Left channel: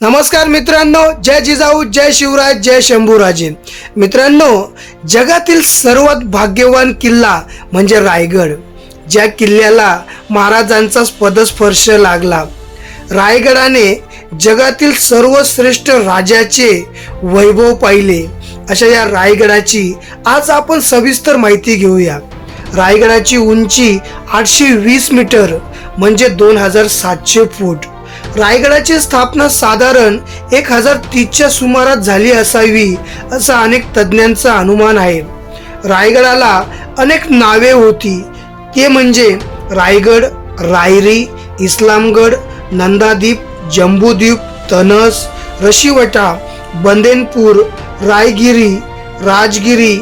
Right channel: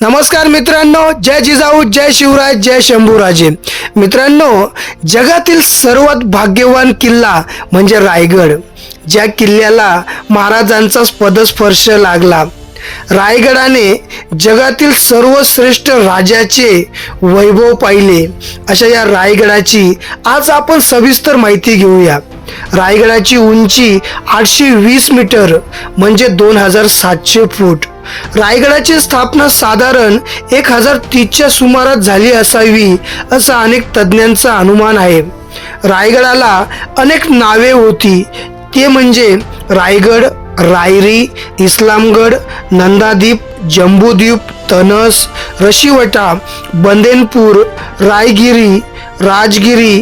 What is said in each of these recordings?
नमस्कार मित्रांनो जय जिजाऊ जय शिवराज जय शंभूराजे. मित्रांनो जगातील सर्वात भाग्यवान किल्ला म्हणजे रायगड ज्या किल्ल्याला महाराजांचा पदस्पर्श लागला. रायगडाने जगातील सर्वश्रेष्ठ राजाचे वैभव पाहिले. अशा या रायगडाची आज आपण सविस्तर माहिती घेऊया. रायगडाची उंची आठशे वीस मीटर म्हणजे दोन हजार सातशे फूट. रायगडाची स्थापना साधारण एक हजार तीसच्या सुमारात झाली असावी असा अनेक तज्ज्ञांचा अनुमान आहे. रायगडाला अनेक नावे होती. ते म्हणजे रायगड रायरी इस्लामगड नंदादीप जम्बूद्वीप तनस रशिवटा बंदेनपूर रायगिरी राजगिरी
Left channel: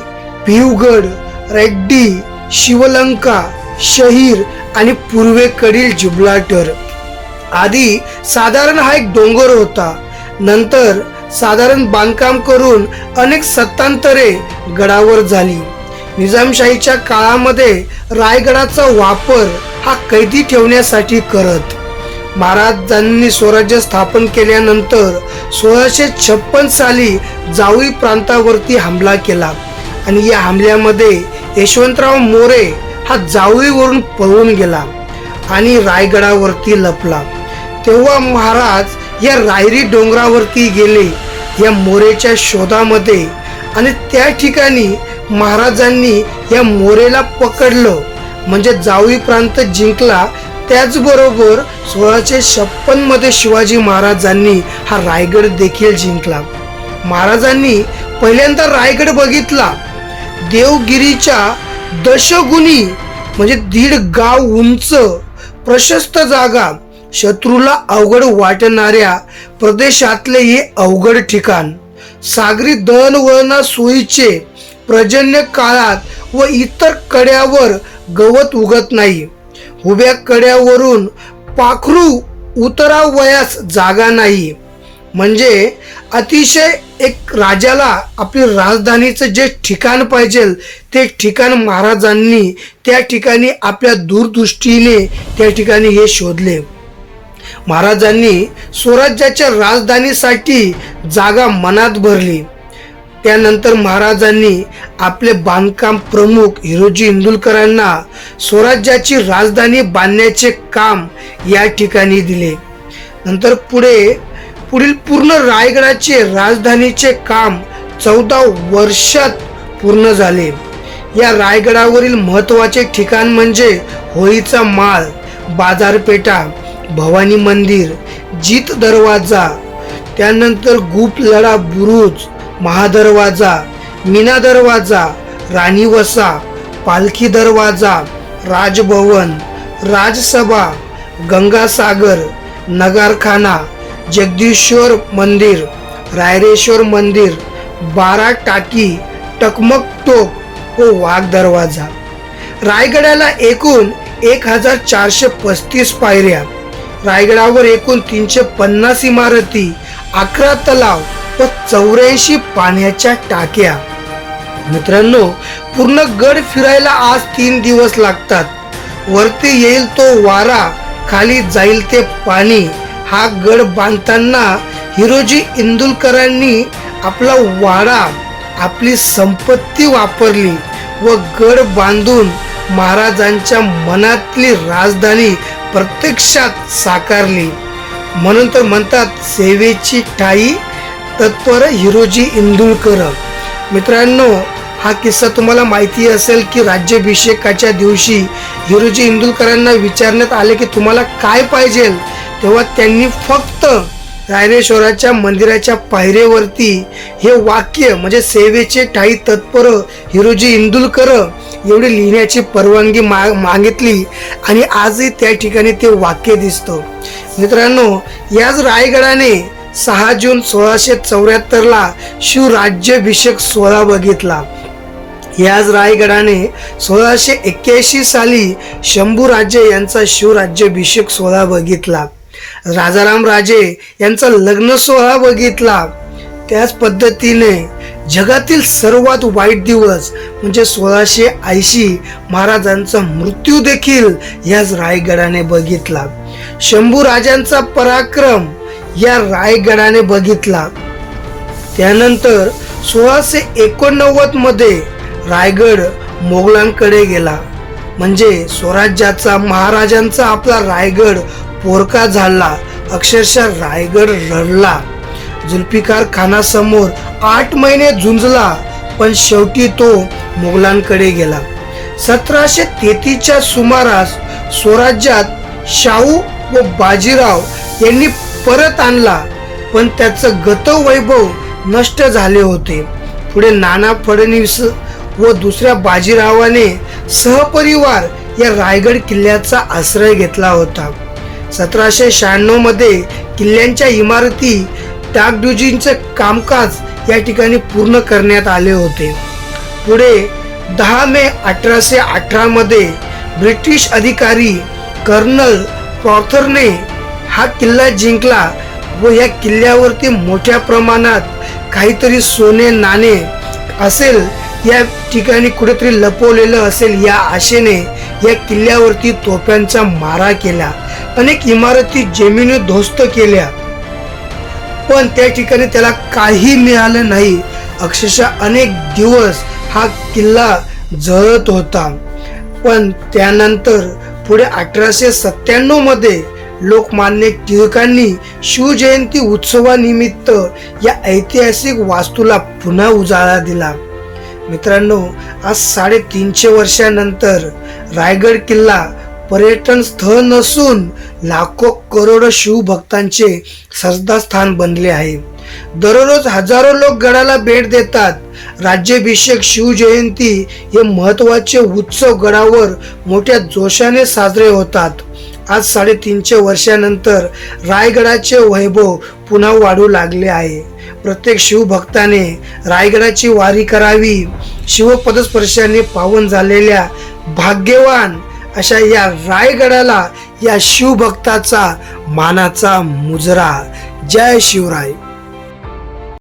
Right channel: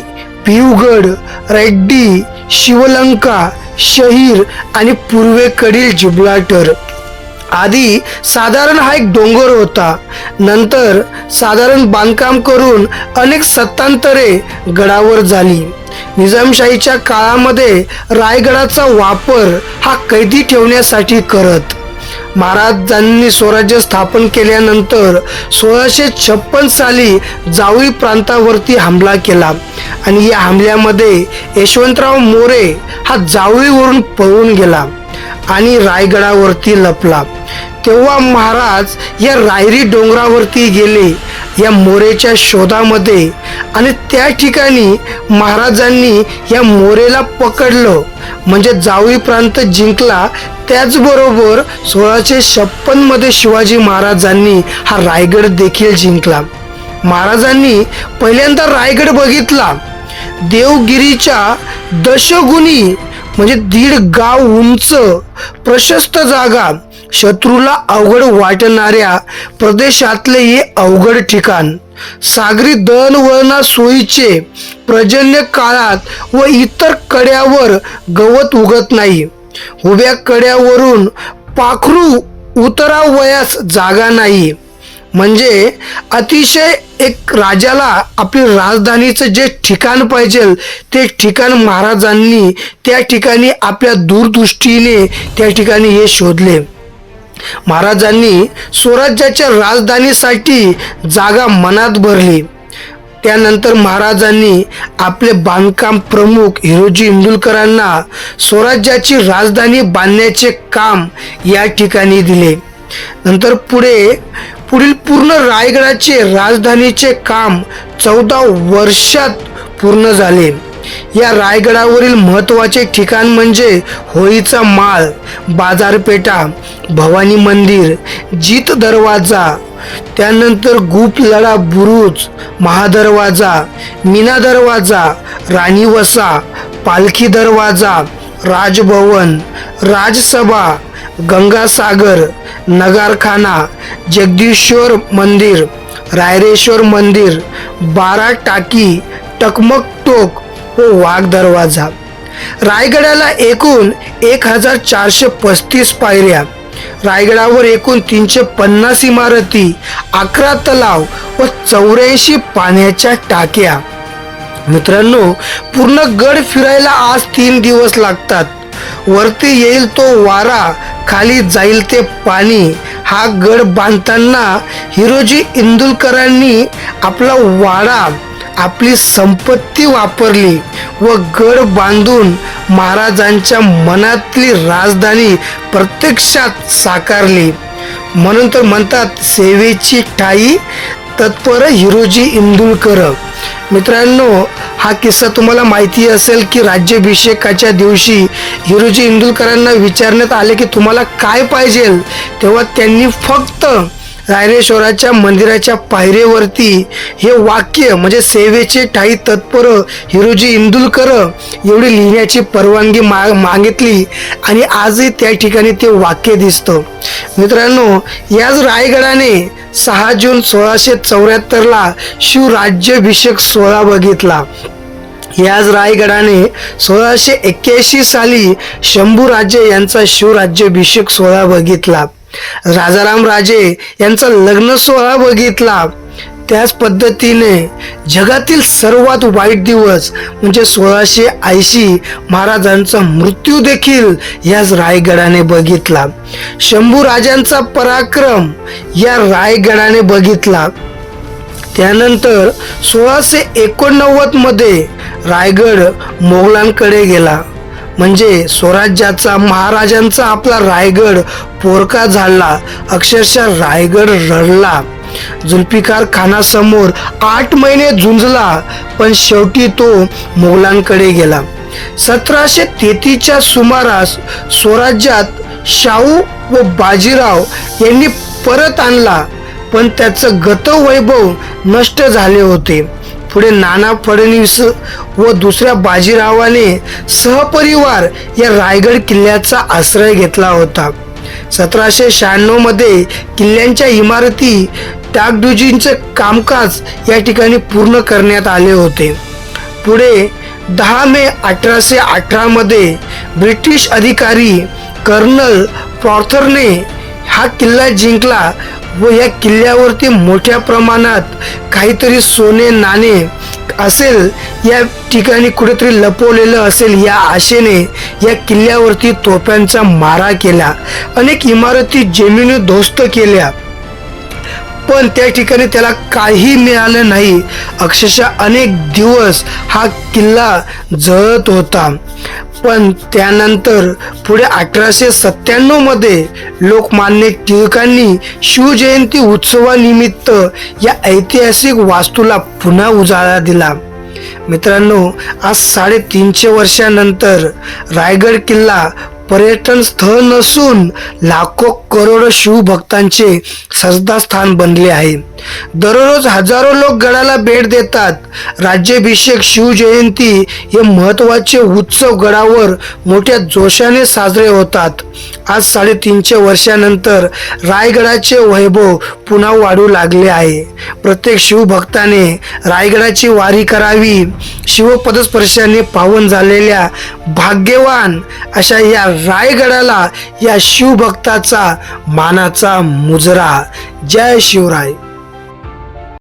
भिवगड रेड्डी शिवलंका शहीर आणि पूर्वेकडील जिब्राल्टर आधी साधारण हा एक डोंगर होता. नंतर साधारण बांधकाम करून अनेक सत्तांतरे गडावर झाली. निजामशाहीच्या काळामध्ये रायगडाचा वापर हा कैदी ठेवण्यासाठी करत. महाराजांनी स्वराज्य स्थापन केल्यानंतर सोळाशे छप्पन साली जावळी प्रांतावरती हमला केला. आणि या हमल्यामध्ये यशवंतराव मोरे हा जावळीवरून पळून गेला आणि रायगडावरती लपला. तेव्हा महाराज या रायरी डोंगरावरती गेले या मोरेच्या शोधामध्ये आणि त्या ठिकाणी महाराजांनी या मोरेला पकडलं. म्हणजे जावळी प्रांत जिंकला. त्याचबरोबर सोळाशे छप्पनमध्ये शिवाजी महाराजांनी हा रायगड देखील जिंकला. महाराजांनी पहिल्यांदा रायगड बघितला. देवगिरीच्या दशगुणी म्हणजे दीड गाव उंच प्रशस्त जागा शत्रूला अवघड वाटणाऱ्या प्रदेशातले हे अवघड ठिकाण. सागरी दळणवळणा सोयीचे पर्जन्य काळात व इतर कड्यावर गवत उगत नाही. उभ्या कड्यावरून पाखरू उतरावयास जागा नाही. म्हणजे अतिशय एक राजाला आपली राजधानीचं जे ठिकाण पाहिजे ते ठिकाण महाराजांनी त्या ठिकाणी आपल्या दूरदृष्टीने त्या ठिकाणी हे शोधले. महाराजांनी स्वराज्याच्या राजधानीसाठी जागा मनात भरली. त्यानंतर महाराजांनी आपले बांधकाम प्रमुख हिरोजी इंदुलकरांना स्वराज्याची राजधानी बांधण्याचे काम या ठिकाणी दिले. नंतर पुढे पुढील पूर्ण रायगडाचे राजधानीचे काम चौदा वर्षात पूर्ण झाले. या रायगडावरील महत्त्वाचे ठिकाण म्हणजे होळीचा माळ बाजारपेठा भवानी मंदिर जीत दरवाजा त्यानंतर गुपलडा बुरुज महादरवाजा मीना दरवाजा राणी वसा पालखी दरवाजा राजभवन राजसभा गंगासागर नगारखाना जगदीश्वर मंदिर रायरेश्वर मंदिर बारा टाकी टकमक टोक व वाघ दरवाजा. रायगडाला एकूण एक हजार चारशे पस्तीस पायऱ्या. रायगडावर एकूण तीनशे पन्नास इमारती अकरा तलाव व चौऱ्याऐंशी पाण्याच्या टाक्या. मित्रांनो पूर्ण गड फिरायला आज तीन दिवस लागतात. वरती येईल तो वारा खाली जाईल ते पाणी. हा गड बांधताना हिरोजी इंदुलकरांनी आपला वाडा आपली संपत्ती वापरली व गड बांधून महाराजांच्या मनातली राजधानी प्रत्यक्षात साकारली. म्हणून तर म्हणतात सेवेची ठाई तत्पर हिरोजी इंदुलकर. मित्रांनो हा किस्सा तुम्हाला माहिती असेल की राज्याभिषेकाच्या दिवशी हिरोजी इंदुलकरांना विचारण्यात आले की तुम्हाला काय पाहिजे? तेव्हा त्यांनी फक्त रायरेश्वराच्या मंदिराच्या पायरेवरती हे वाक्य म्हणजे सेवेचे ठाई तत्पर हिरोजी इंदुलकर एवढी लिहिण्याची परवानगी मा मागितली आणि आजही त्या ठिकाणी ते वाक्य दिसतं. मित्रांनो याच रायगडाने सहा जून सोळाशे चौऱ्याहत्तरला शिवराज्याभिषेक सोहळा बघितला. याच रायगडाने सोळाशे एक्क्याऐंशी साली शंभूराजे यांचा शिवराज्याभिषेक सोहळा बघितला. राजाराम राजे यांचा लग्न सोहळा बघितला. त्याच पद्धतीने जगातील सर्वात वाईट दिवस म्हणजे सोळाशे ऐंशी महाराजांचा मृत्यू देखील याच रायगडाने बघितला. शंभू राजांचा पराक्रम या रायगडाने बघितला. त्यानंतर सोळाशे एकोणनव्वदमध्ये रायगड मोगलांकडे गेला. म्हणजे स्वराज्याचा महाराजांचा आपला रायगड पोरका झाला. अक्षरशः रायगड रडला. जुल्फिकार खानासमोर आठ महिने झुंजला पण शेवटी तो मोगलांकडे गेला. सतराशे तेहतीसच्या सुमारास स्वराज्यात शाहू व बाजीराव यांनी परत आणला पण त्याचं गतवैभव नष्ट झाले होते. पुढे नाना फडणवीस व दुसऱ्या बाजीरावाने सहपरिवार या रायगड किल्ल्याचा आश्रय घेतला होता. सतराशे शहाण्णवमध्ये किल्ल्यांच्या इमारती डागडुजींचे कामकाज या ठिकाणी पूर्ण करण्यात आले होते. पुढे दहा मे अठराशे अठरामध्ये ब्रिटिश अधिकारी कर्नल प्रॉथरने हा किल्ला जिंकला व या किल्ल्यावरती मोठ्या प्रमाणात काहीतरी सोने नाणे असेल या ठिकाणी कुठेतरी लपवलेलं असेल या आशेने या किल्ल्यावरती तोफ्यांचा मारा केला. अनेक इमारती जमिनी ध्वस्त केल्या. पण त्या ठिकाणी त्याला काही मिळालं नाही. अक्षरशः अनेक दिवस हा किल्ला जळत होता. पण त्यानंतर पुढे अठराशे सत्त्याण्णवमध्ये लोकमान्य टिळकांनी शिवजयंती उत्सवानिमित्त या ऐतिहासिक वास्तूला पुन्हा उजाळा दिला. मित्रांनो आज साडेतीनशे वर्षानंतर रायगड किल्ला पर्यटन स्थळ नसून लाखो करोड शिवभक्तांचे स्थान बनले आहे. दररोज हजारो लोक गडाला भेट देतात. राज्याभिषेक शिवजयंती हे महत्त्वाचे उत्सव गडावर मोठ्या जोशाने साजरे होतात. आज साडेतीनशे वर्षानंतर रायगडाचे वैभव पुन्हा वाढू लागले आहे. प्रत्येक शिवभक्ताने रायगडाची वारी करावी शिवपदस्पर्शाने पावन झालेल्या भाग्यवान अशा या रायगडाला या शिवभक्ताचा मानाचा मुजरा. जय शिवराय.